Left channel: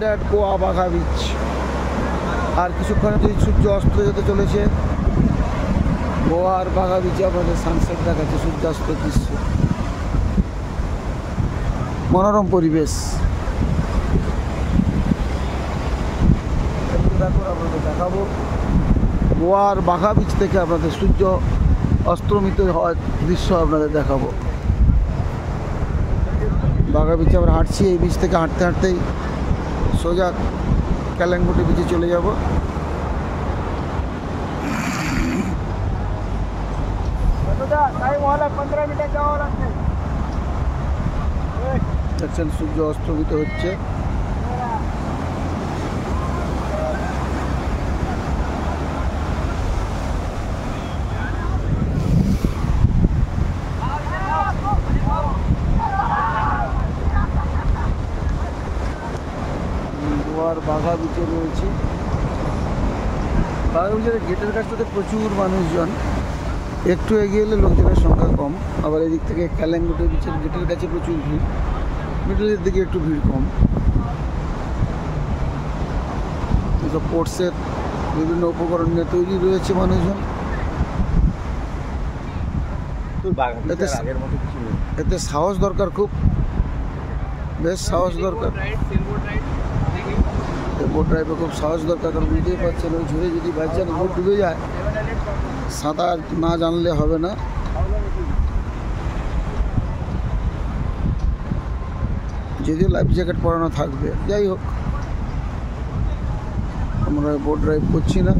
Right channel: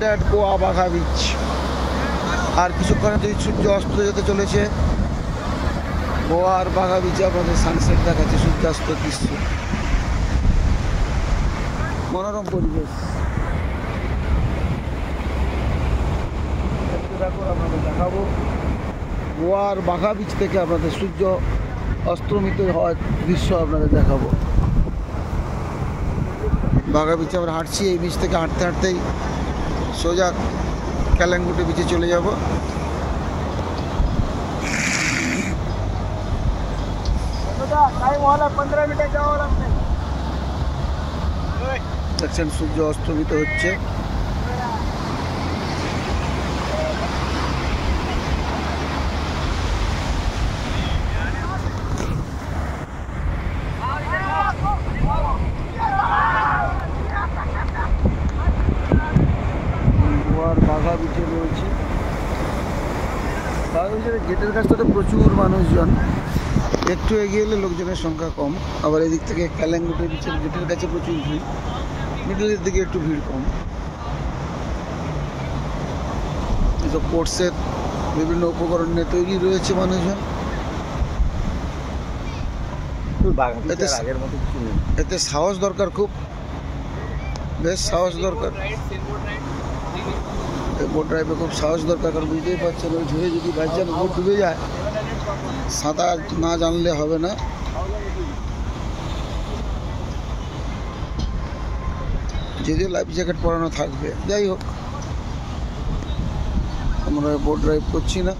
That Goa Baga beach. আর কিছুক্ষণে সূর্য অস্ত যেতে চলেছে। গোয়া আর বাঘা বিচে আপনাদের সানসেট দেখাচ্ছে, সূর্যাস্ত দৃশ্য, মনোরম পরিবেশ। দেখুন আপনাদের দেখাবো গোয়া আর বাঘা বিচ থেকে আপনাদের সূর্য অস্তমিত হওয়ার দৃশ্য আপনাদের দেখাবো। বাঘা বিচে আমরা হাঁটছি, এই বিচ থেকে হাঁটতে হাঁটতেই সোজা ক্যালাঙ্গুটি বিচে চলে যাব। দেখছেন সূর্য অস্তমিত হচ্ছে। গোয়ার বাঘা বিচে রয়েছে। বাঘা বিচের গেটের কাছটা তো প্রচুর মানুষজন, একটু এগিয়ে এলে লোকজনের সংখ্যা কম। আবার এদিক থেকে ক্যালাঙ্গুটি বিচের গেটের কাছে প্রচুর ভিড়, মিডলের দিকে একটু ভিড় কম। এসব পোর্টসের বিভিন্ন উপকরণ নিয়ে তৈরি রয়েছে মানুষজন। এতে সাহস দরকার, খুব বেশ সাহস দরকার। বোট ড্রাইভে খুব সাহস দরকার, কারণ বুঝতেই পারছেন ওই ঝড়ে যদি বাচ্চার বোট ডুবে যায়, সাঁতার না জানলে হবে না। যদিও লাইফ জ্যাকেট পরানো থাকবে, যাই হোক আমরা বোট ড্রাইভ করছি না।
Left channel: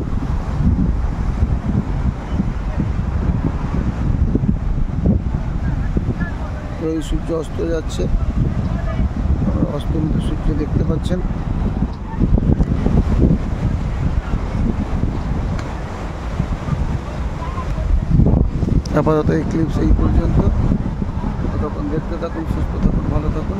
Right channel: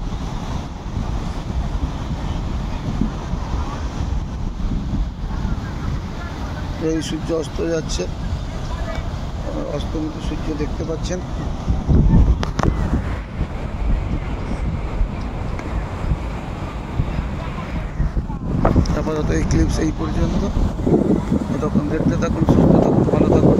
এই সূর্য অস্ত যাচ্ছে, অস্তমিত সূর্য দেখতে পাচ্ছেন। আপাতত এই ক্লিপস এই পর্যন্ত। তখন দেখতে থাকুন, সুস্থ থাকুন, ভালো থাকুন।